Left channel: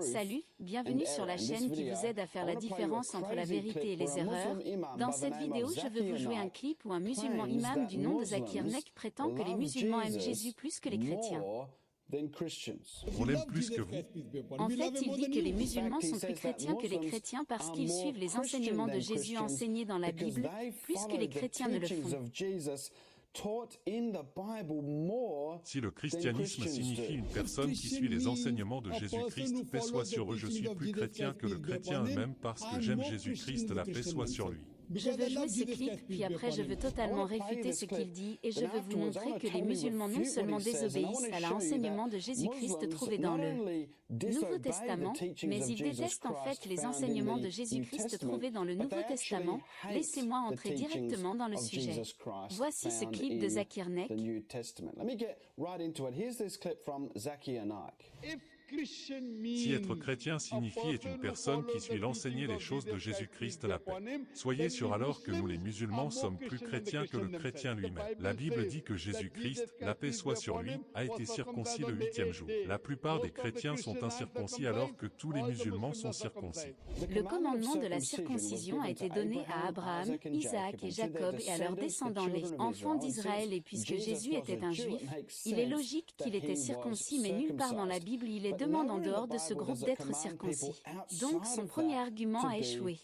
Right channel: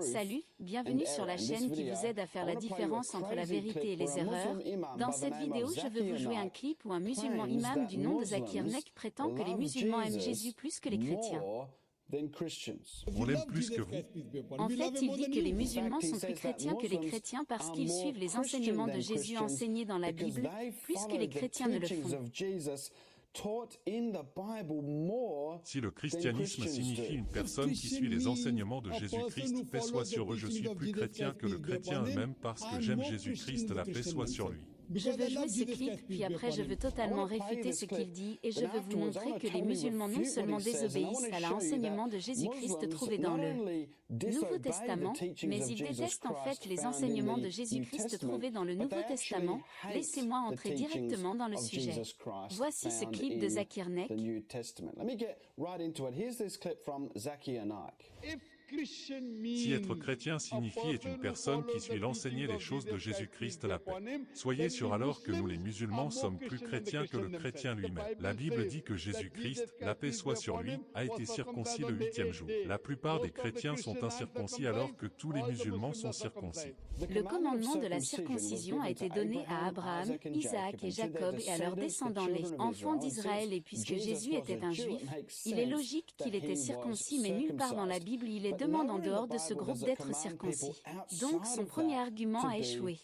Salut, bienvenue sur la chaîne qui vous aide à faire la différence entre la vérité et les erreurs. Dans cette vidéo, je veux vous jouer un clip où un musulman imam du nom de Zakir Naik prétend que les musulmans aiment Jésus plus que les chrétiens. On l'aime plus que vous. En fait, il dit que les musulmans sont plus chrétiens que les chrétiens parce qu'ils suivent les enseignements de Jésus enseignés dans la Bible, plus que les chrétiens ne le font. Si le christianisme signifie une personne qui suit les enseignements de Jésus-Christ, paix soit sur eux, je suis plus chrétien que le chrétien eux-mêmes parce que j'aime Jésus-Christ, la paix soit sur lui. Je veux jouer ce clip, puis après je veux totalement réfuter ce qu'il dit et je veux vous montrer que les musulmans non seulement désobéissent à l'enseignement de Jésus-Christ trouvé dans le Nouveau Testament, mais ils détestent en fait les enseignements de Jésus-Christ trouvés dans le Nouveau Testament. Laissez-moi entrer directement dans le sujet. Voici ce clip de Zakir Naik. Si être chrétien signifie être une personne qui suit l'enseigner les choses de Jésus-Christ la paix. Soyez sûr alors que nous les musulmans sommes plus chrétiens que le chrétien lui-même. La Bible dit que Jésus-Christ, la paix soit sur lui, a été circoncis le 8e jour. La plupart des chrétiens sont incirconcis alors que tous les musulmans sont circoncis. Le commandement de la circoncision a été donné à Abraham, Isaac et Jacob et à leurs descendants les enfants d'Israël et puisque Jésus était un juif, il est logique qu'il était circoncis mais nulle part dans la Bible il est demandé en dehors de ce groupe d'être circoncis. Donc son premier argument a échoué.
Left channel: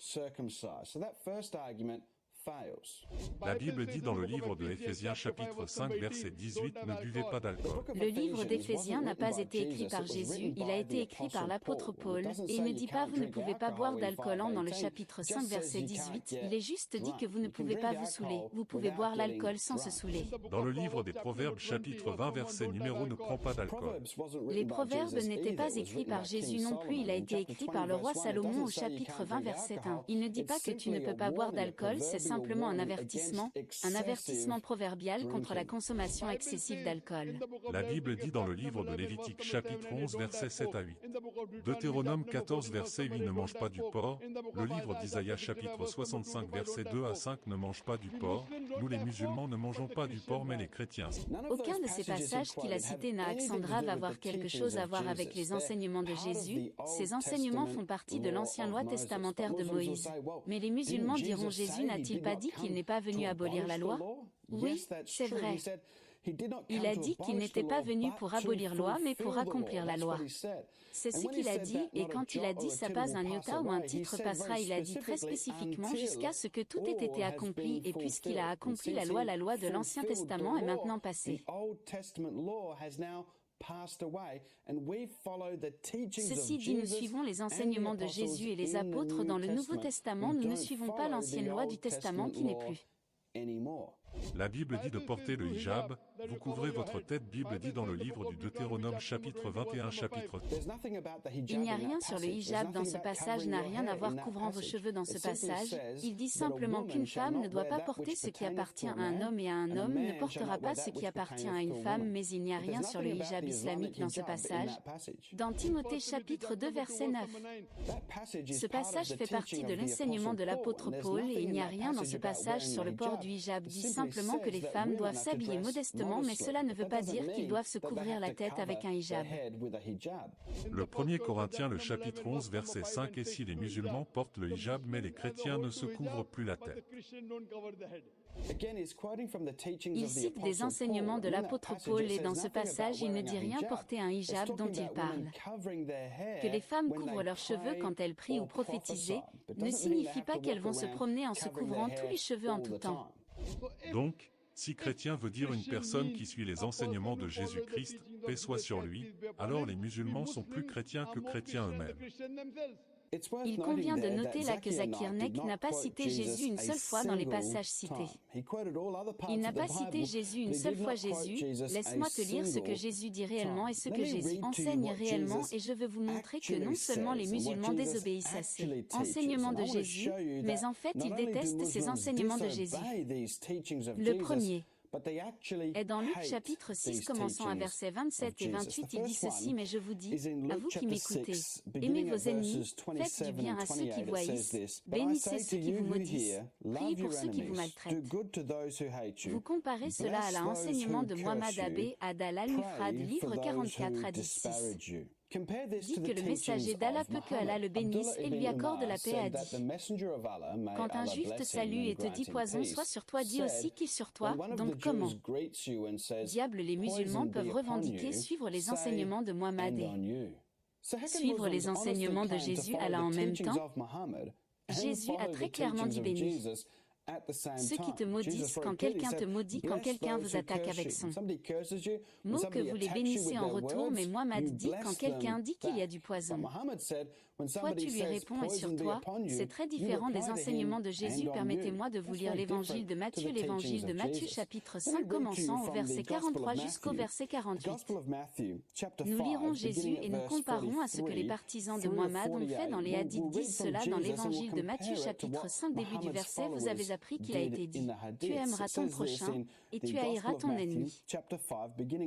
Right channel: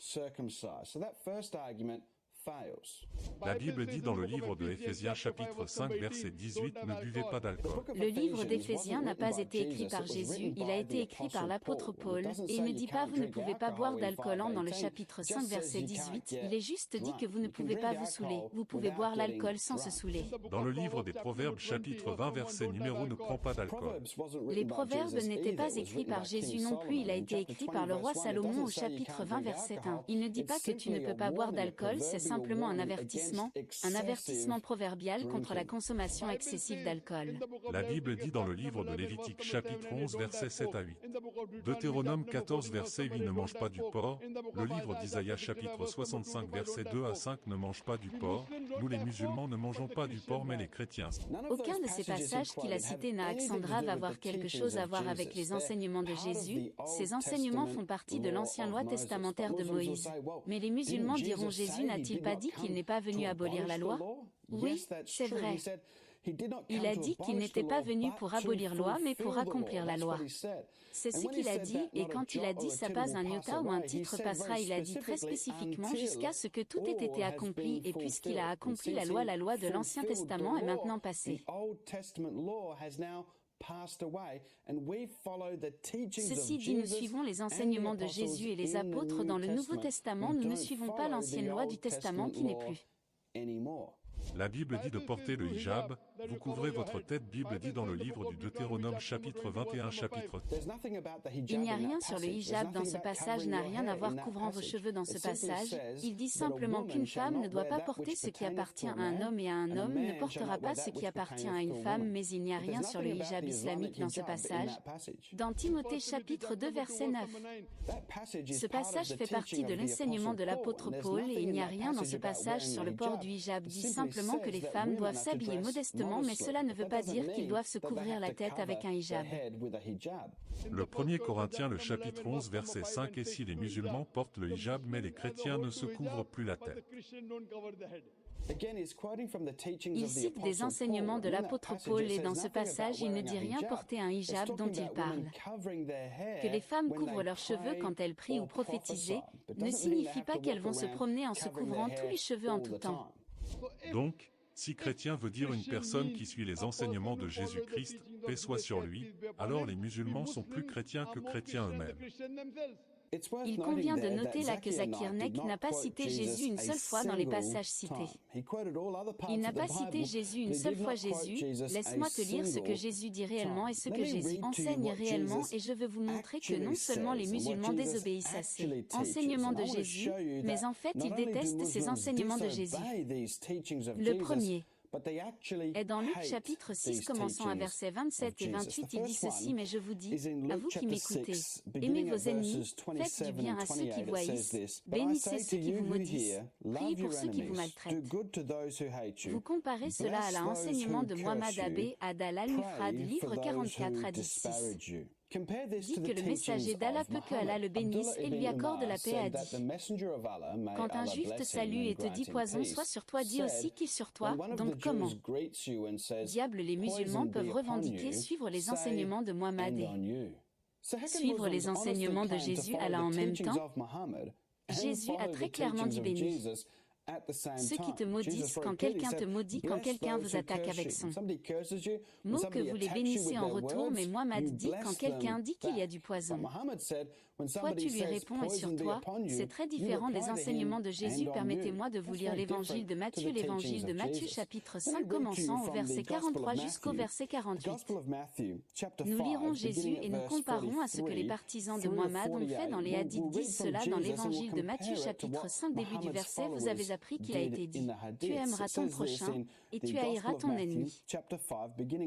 La Bible dit dans le livre de Éphésiens chapitre 5 verset 18 « Ne buvez pas d'alcool ». Le livre d'Éphésiens n'a pas été écrit par Jésus, il a été écrit par l'apôtre Paul, et il ne dit pas vous ne pouvez pas boire d'alcool dans le chapitre 5 verset 18, il est juste dit que vous ne pouvez pas vous saouler, vous pouvez boire l'alcool sans se saouler. Dans le livre des Proverbes chapitre 20 verset numéro ne prend pas d'alcool. Les proverbes n'étaient pas écrits par Jésus non plus, il a été écrit par le roi Salomon au chapitre 20 verset 1. Il ne dit pas que tu ne peux pas boire d'alcool, c'est simplement un avertissement proverbial contre la consommation excessive d'alcool. La Bible dit dans le livre de Lévitique chapitre 11 verset 7 à 8. Deutéronome 14 verset 8 ne mange pas du porc. Le livre d'Isaïe chapitre 65 verset 2 à 5 ne mange pas du porc. Nous les musulmans ne mangeons pas du porc mais les chrétiens. Aucun de ces passages qu'il a cités n'a accent grave à voir quelque chose à voir avec les enseignements de Jésus. Ces enseignements font partie de l'ancienne loi testamentaire de Moïse. Mais les musulmans diront Jésus n'a-t-il pas dit qu'il n'est pas venu abolir la loi? Oui, c'est vrai. Il a dit qu'il n'était pas venu pour abolir la loi, mais pour accomplir la loi. C'est ce qu'il a dit, et quand il a dit ça passe un iota ou un titre passera, il a dit très spécifiquement jusqu'à ce que tout ait été accompli, et puisqu'il a accompli la loi de l'Ancien Testament est maintenant passée. Ceci dit, nous suivons les enseignements de Jésus et les apôtres dans le Nouveau Testament, nous ne suivons pas l'ancienne loi du Testament qui n'est plus. La Bible dit de porter le hijab, vous couvrez votre tête. Bible dit dans le livre du Deutéronome chapitre 21 chapitre. Il n'y a rien sur le hijab dans ce passage, n'a rien à voir couvrant vos cheveux dans ce passage. Il dit simplement qu'une femme ne doit pas porter ce qui appartient à un homme et un homme ne portera pas ce qui appartient à une femme, mais il n'y a rien sur le hijab islamique dans ce passage. Dans Timothée chapitre 2 verset 9. Ce passage fait partie de l'enseignement de l'apôtre Paul et il n'y a rien dans ce passage sur le port du hijab, dit simplement que les femmes doivent s'habiller modestement mais cela ne veut pas dire qu'ils doivent se couvrir la tête avec un hijab. Le 1er Corinthiens le chapitre 11 verset 5 et si les musulmans portent le hijab mais les chrétiens ne se couvrent plus la tête. Il cite des enseignements de l'apôtre Paul et dans ce passage il ne dit rien porter un hijab dont il parle. Que les femmes couvrent leurs cheveux quand elles prient ou prophétisent ne signifie pas qu'elles vont se promener en se couvrant tous les cheveux en tout temps. Donc, si chrétien veut dire une personne qui suit les enseignements de Jésus-Christ, paix soit sur lui, alors les musulmans sont plus chrétiens que chrétiens eux-mêmes. Il convient de noter là que Zakir Naik n'a pas cité Jésus une seule fois dans les passages cités. Il n'a pas cité Jésus une seule fois. Jésus, laisse-moi te lire ce que Jésus dit réellement et ce que Jésus enseigne réellement et je veux vous montrer que non seulement les musulmans désobéissent à ces enseignements de Jésus, mais en fait ils détestent ces enseignements de Jésus. Le premier est dans Luc chapitre 6 commençant à versets 27 et 28 il dit ceci mais je vous dis, à vous qui m'écoutez, aimez vos ennemis, faites du bien à ceux qui vous haïssent, bénissez ceux qui vous maudissent, priez pour ceux qui vous maltraitent. Vous comparez cela à l'enseignement de Muhammad Abbé Ad al-Mufrad livre 44 hadith 6. dit que le messager d'Allah peut que Allah le bénisse et lui accorde la paix a dit. Quand un juif te salue et te dit poison soit sur toi, dis aussi qu'il sur toi, donc comment? Diable, les musulmans peuvent revendiquer suivre les enseignements de Muhammad et suivre les enseignements de Jésus Allah en même temps? Jésus a très clairement dit béni ceux qui te maudissent quand quelqu'un te maudit, quand quelqu'un vous attaque avec son mot que vous les bénissez en retour, mais Muhammad dit quand quelqu'un dit qu'il y a du poison. Toi tu lui réponds et sur toi, c'est très différent des enseignements de Jésus. Permettez-moi de vous lire l'évangile de Matthieu chapitre 5 commençant au verset 43 jusqu'au verset 48. Nous lirons Jésus et nous comparons à ce que les partisans de Muhammad ont fait dans les hadiths. Disent cela dans l'évangile de Matthieu chapitre 5 début du verset. Vous avez appris qu'il a été dit, tu aimeras ton prochain et tu haïras ton ennemi.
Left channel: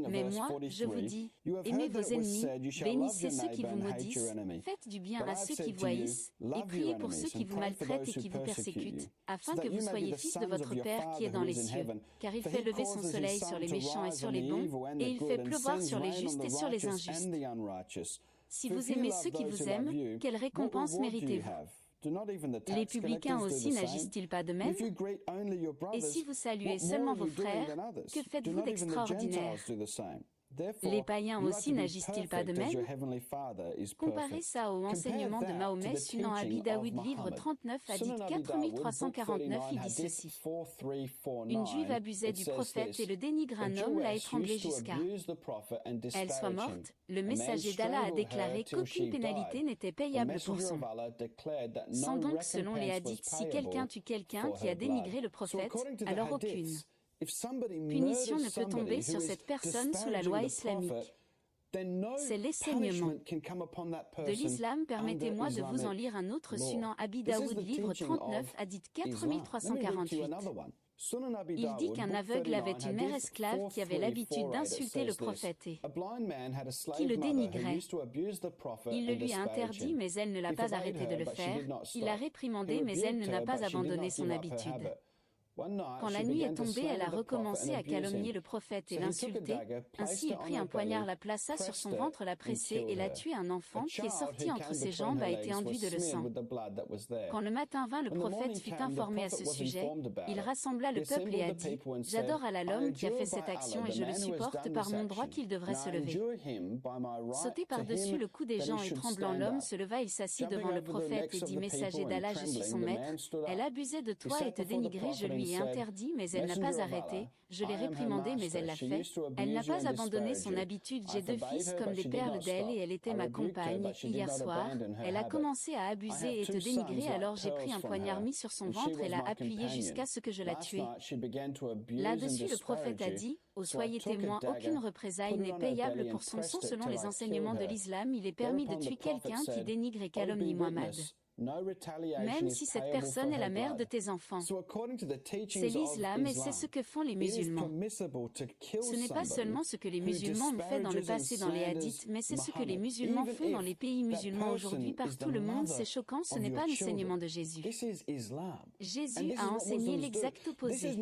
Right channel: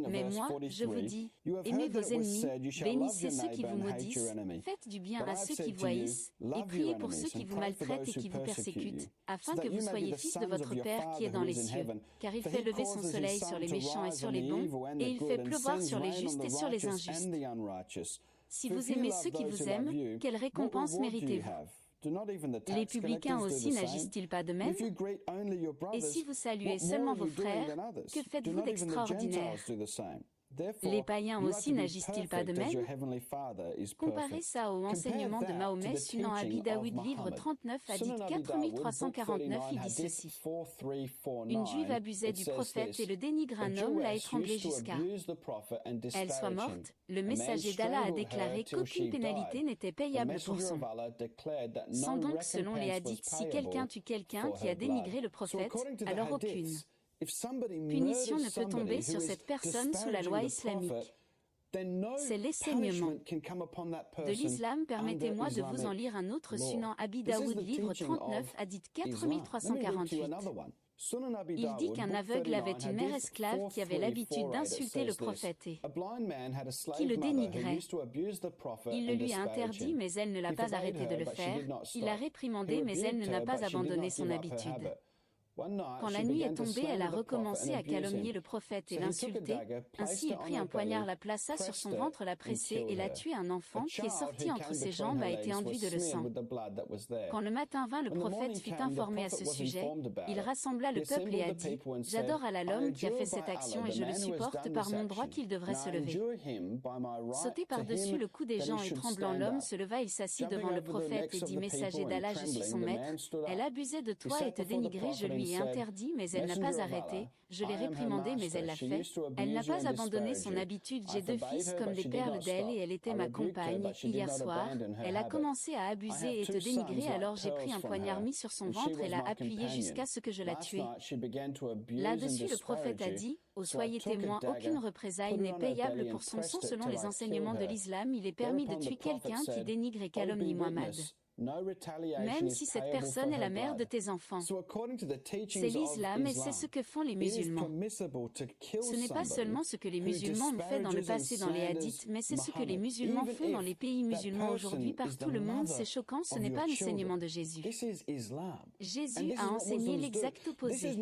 Mais moi, je vous dis, aimez vos ennemis, bénissez ceux qui vous maudissent, faites du bien à ceux qui vous haïssent, et priez pour ceux qui vous maltraitent et qui vous persécutent, afin que vous soyez fils de votre Père qui est dans les cieux. Car il fait lever son soleil sur les méchants et sur les bons, et il fait pleuvoir sur les justes et sur les injustes. Si vous aimez ceux qui vous aiment, quelle récompense méritez-vous? Les publicains aussi n'agissent-ils pas de même? Et si vous saluez seulement vos frères, que faites-vous d'extraordinaire? Les païens aussi n'agissent-ils pas de même? Comparez ça au enseignement de Mahomet suivant Abi Daoud livre 39 hadith 4349. Il dit ceci. Une juive abusait du prophète et le dénigre un homme l'a étranglé jusqu'à elle soit morte. Le messager d'Allah a déclaré qu'aucune pénalité n'était payable pour son sang. Donc selon les hadiths, si quelqu'un tue quelqu'un qui a dénigré le prophète, alors aucune punition ne peut tomber sur cette personne sous la loi islamique. C'est l'enseignement de l'islam. Permettez-moi de vous en lire un autre sunan Abi Daoud livre 39 hadith 4348. Il dit qu'un aveugle avait une mère esclave qui avait l'habitude d'insulter le prophète et qui le dénigrait. Il le lui a interdit mais elle ne l'a pas arrêté de le faire, il l'a réprimandé mais elle ne n'a pas abandonné son habitude. Quand la nuit est tombée, elle a recommencé à calomnier le prophète et l'insulter. Ainsi il prit un poignard, la plaça sur son ventre, l'a pressé et l'a tué. Un enfant qui est sorti entre ses jambes a été enduit de le sang. Quand le matin vint, le prophète fut informé à ce sujet. Il rassembla le peuple et a dit, « J'adore Allah l'homme qui a fait cette action et je le supporte par mon droit qu'il devrait se lever. » Sauté par-dessus le cou des gens et tremblant, l'homme se leva, il s'assit devant le prophète et dit, « Messager d'Allah, je suis son maître. Elle abusait de toi et te dénigrait, je lui ai interdit, mais elle n'a pas arrêté. Je l'ai réprimandée, mais elle l'a fait. Elle n'a pas abandonné son habitude. J'ai 2 fils comme des perles d'elle et elle était ma compagne. Hier soir, elle a commencé à abuser et te dénigrer, alors j'ai pris un poignard mis sur son ventre et l'a appuyé jusqu'à ce que je la tuée. » Là-dessus, le prophète a dit, « Oh, soyez témoins, aucune représailles n'est payable pour son sang. » Selon les enseignements de l'islam, il est permis de tuer quelqu'un qui dénigre et calomnie Muhammad, même si cette personne est la mère de tes enfants. C'est l'islam et c'est ce que font les musulmans. Ce n'est pas seulement ce que les musulmans ont fait dans le passé dans les hadiths, mais c'est ce que les musulmans font dans les pays musulmans aujourd'hui par tout le monde. C'est choquant, ce n'est pas l'enseignement de Jésus. Jésus a enseigné l'exact opposé.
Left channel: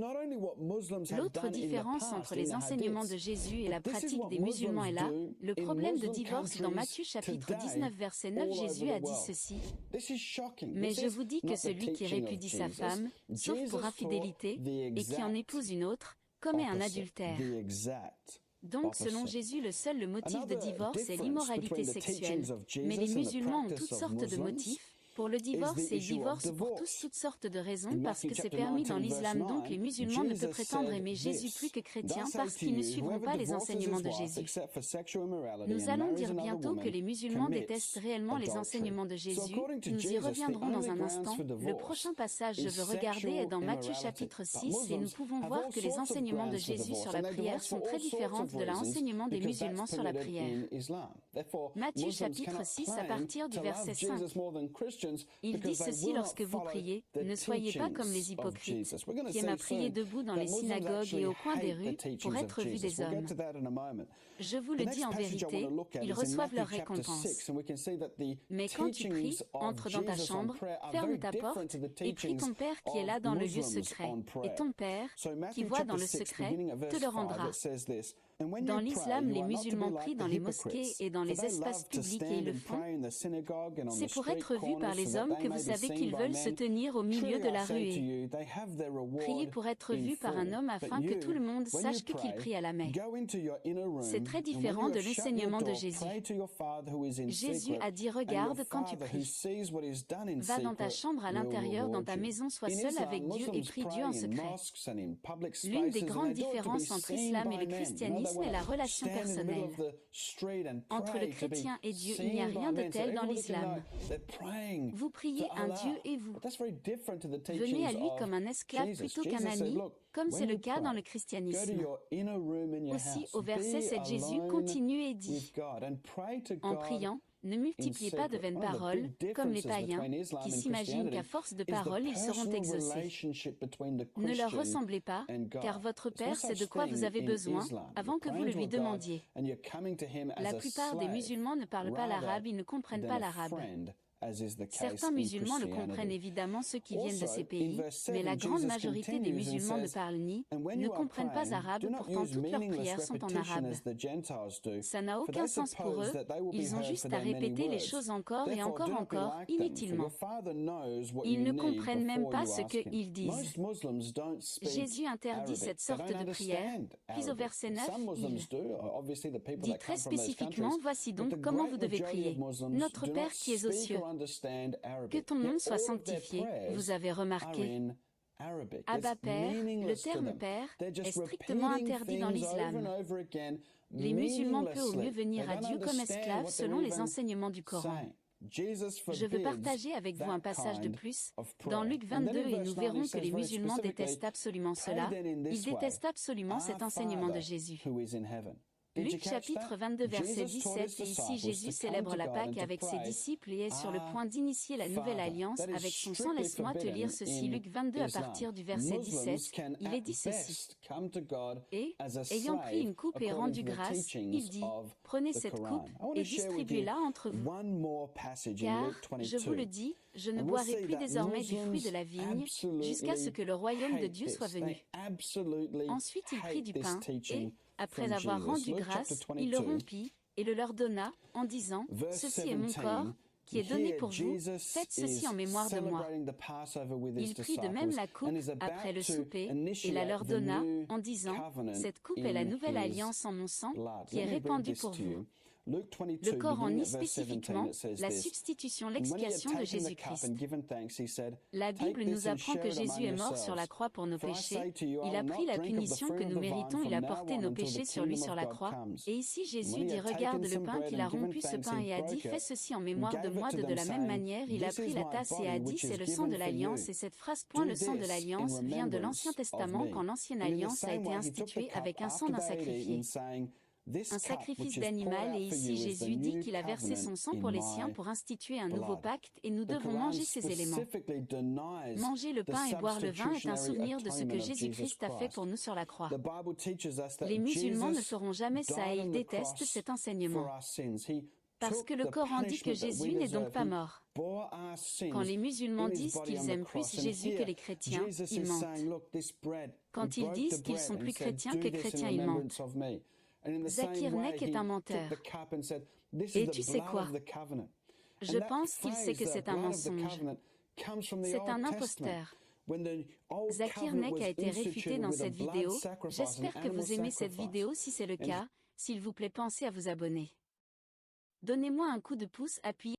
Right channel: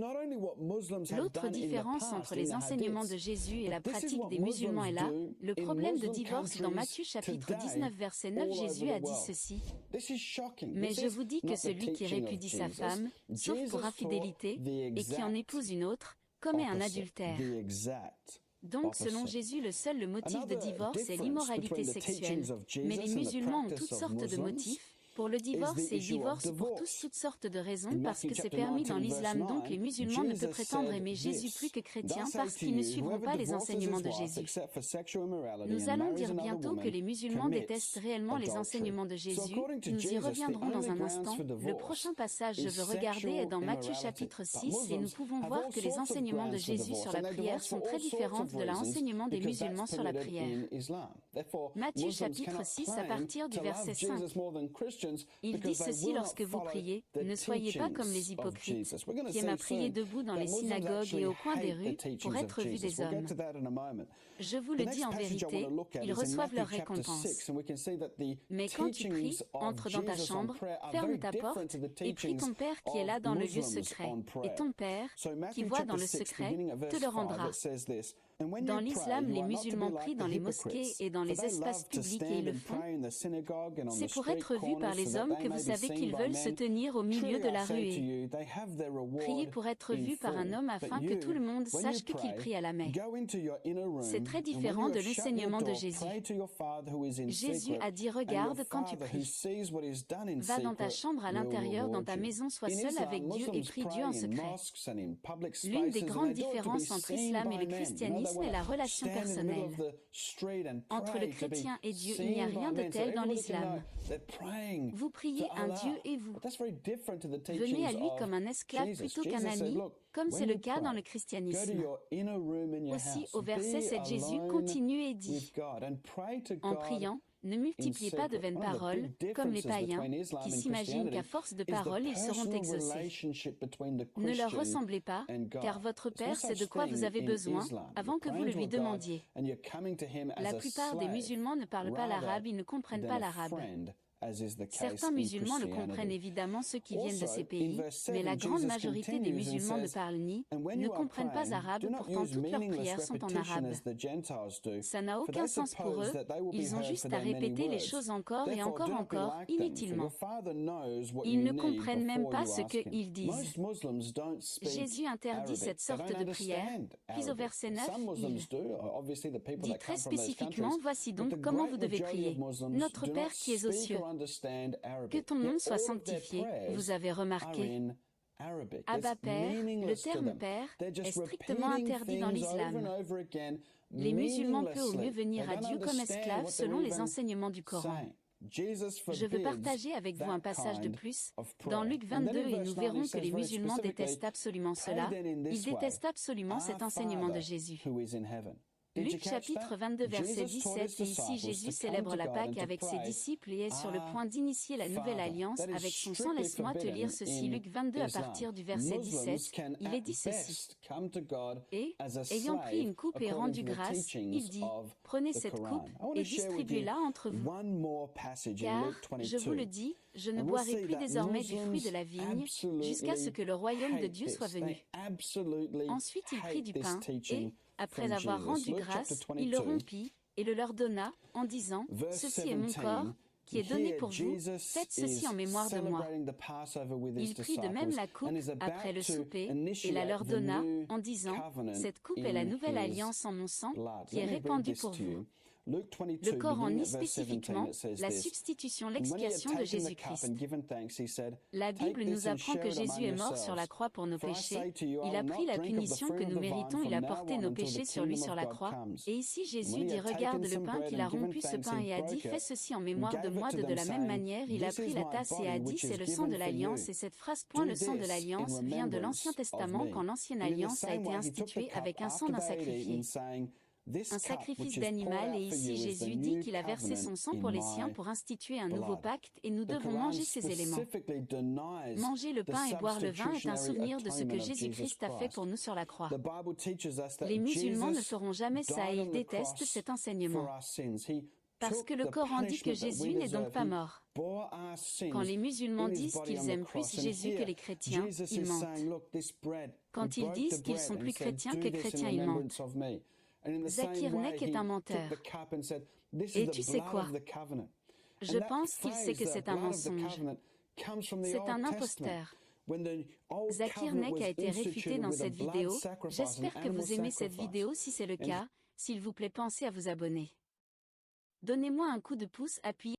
L'autre différence entre les enseignements de Jésus et la pratique des musulmans est là. Le problème de divorce dans Matthieu chapitre 19 verset 9, Jésus a dit ceci. Mais je vous dis que celui qui répudie sa femme, sauf pour infidélité, et qui en épouse une autre, commet un adultère. Donc selon Jésus, le motif de divorce est l'immoralité sexuelle. Mais les musulmans ont toutes sortes de motifs pour le divorce et ils divorcent pour toutes sortes de raisons parce que c'est permis dans l'islam. Donc les musulmans ne peuvent prétendre aimer Jésus plus que chrétiens parce qu'ils ne suivront pas les enseignements de Jésus. Nous allons dire bientôt que les musulmans détestent réellement les enseignements de Jésus. Nous y reviendrons dans un instant. Le prochain passage je veux regarder est dans Matthieu chapitre 6 et nous pouvons voir que les enseignements de Jésus sur la prière sont très différents de l'enseignement des musulmans sur la prière. Matthieu chapitre 6 à partir du verset 5. Il dit ceci: lorsque vous priez, ne soyez pas comme les hypocrites, qui aiment à prier debout dans les synagogues et au coin des rues, pour être vus des hommes. Je vous le dis en vérité, ils reçoivent leur récompense. Mais quand tu pries, entre dans ta chambre, ferme ta porte, et prie ton Père qui est là dans le lieu secret. Et ton Père, qui voit dans le secret, te le rendra. Dans l'islam, les musulmans prient dans les mosquées et dans les espaces publics et ils le font. C'est pour être vus par les hommes que vous savez qu'ils veulent se tenir au milieu de la rue et prier pour être vus par un homme afin que tout le monde sache qu'il prie à la Mecque. C'est très différent de l'enseignement de Jésus. Jésus a dit « Regarde quand tu pries. Va dans ta chambre à l'intérieur, dans ta maison, sois seul avec Dieu et prie Dieu en secret. » L'une des grandes différences entre l'islam et le christianisme est la relation personnelle. Entre le chrétien et Dieu, il n'y a rien de tel dans l'islam. Vous priez un Dieu et vous venez à lui comme un esclave plutôt qu'un ami, comme c'est le cas dans le christianisme. Aussi, au verset 7, Jésus continue et dit « En priant, ne multipliez pas de vaines paroles, comme les païens, qui s'imaginent qu'à force de paroles ils seront exaucés. Ne leur ressemblez pas, car votre Père sait de quoi vous avez besoin, avant que vous le lui demandiez. » La plupart des musulmans ne parlent pas l'arabe, ils ne comprennent pas l'arabe. Certains musulmans le comprennent évidemment, ceux qui viennent de ces pays, mais la grande majorité des musulmans ne parlent ni, ne comprennent pas arabe, pourtant toutes leurs prières sont en arabe. Ça n'a aucun sens pour eux, ils ont juste à répéter les choses encore et encore, inutilement. Ils ne comprennent même pas ce qu'ils disent. Jésus interdit cette sorte de prière, puis au verset 9, il dit très spécifiquement « Voici donc comment vous devez prier. Notre Père qui es aux cieux, que ton nom soit sanctifié. » Vous avez remarqué, Abba Père, le terme Père, est strictement interdit dans l'islam. Les musulmans peuvent au mieux venir à Dieu comme esclaves selon les enseignements du Coran. Je veux partager avec vous un passage de plus, dans Luc 22 et nous verrons que les musulmans détestent absolument cela, ils détestent absolument cet enseignement de Jésus. Luc chapitre 22 verset 17 et ici Jésus célèbre la Pâque avec ses disciples et est sur le point d'initier la nouvelle alliance avec son sang. Laisse-moi te lire ceci, Luc 22 à partir du verset 17, il est dit ceci. Et, ayant pris une coupe et rendu grâce, il dit, prenez cette coupe et distribuez-la entre vous. Car, je vous le dis, je ne boirai plus désormais du fruit de la vigne, jusqu'à ce que le royaume de Dieu soit venu. Ensuite il prit du pain, et, après avoir rendu grâce, il le rompit, et le leur donna, en disant, « Ceci est mon corps, qui est donné pour vous, faites ceci en mémoire de moi. » Il prit de même la coupe, après le souper, et la leur donna, en disant, « Cette coupe est la nouvelle alliance en mon sang, qui est répandue pour vous. » Le Coran nie spécifiquement la substitution, l'expiation de Jésus-Christ. La Bible nous apprend que Jésus est mort sur la croix pour nos péchés, il a pris la punition que nous méritons, il a porté nos péchés sur lui sur la croix, et ici Jésus dit regarde le pain qu'il a rompu ce pain et a dit fais ceci en mémoire de moi. De la même manière il a pris la tasse et a dit c'est le sang de l'alliance, et cette phrase point le sang de l'alliance vient de l'Ancien Testament quand l'ancienne alliance a été instituée avec un sang d'un sacrifié. Un sacrifice d'animal, et ici Jésus dit qu'il a versé son sang pour les siens pour instituer un nouveau pacte et nous devons manger ces éléments. Manger le pain et boire le vin est un souvenir de ce que Jésus-Christ a fait pour nous sur la croix. Les musulmans ne feront jamais ça et ils détestent cet enseignement. Parce que le Coran dit que Jésus n'est donc pas mort. Quand les musulmans disent qu'ils aiment plus Jésus que les chrétiens, ils mentent. Quand ils disent qu'ils sont plus chrétiens que chrétiens, ils mentent. Zakir Naik est un menteur. Et tu sais quoi? Je pense qu'il sait que c'est un mensonge. C'est un imposteur. Zakir Naik a été réfuté dans cette vidéo. J'espère que vous aimez cette vidéo. Si c'est le cas, s'il vous plaît pensez à vous abonner. Donnez-moi un coup de pouce, appuyez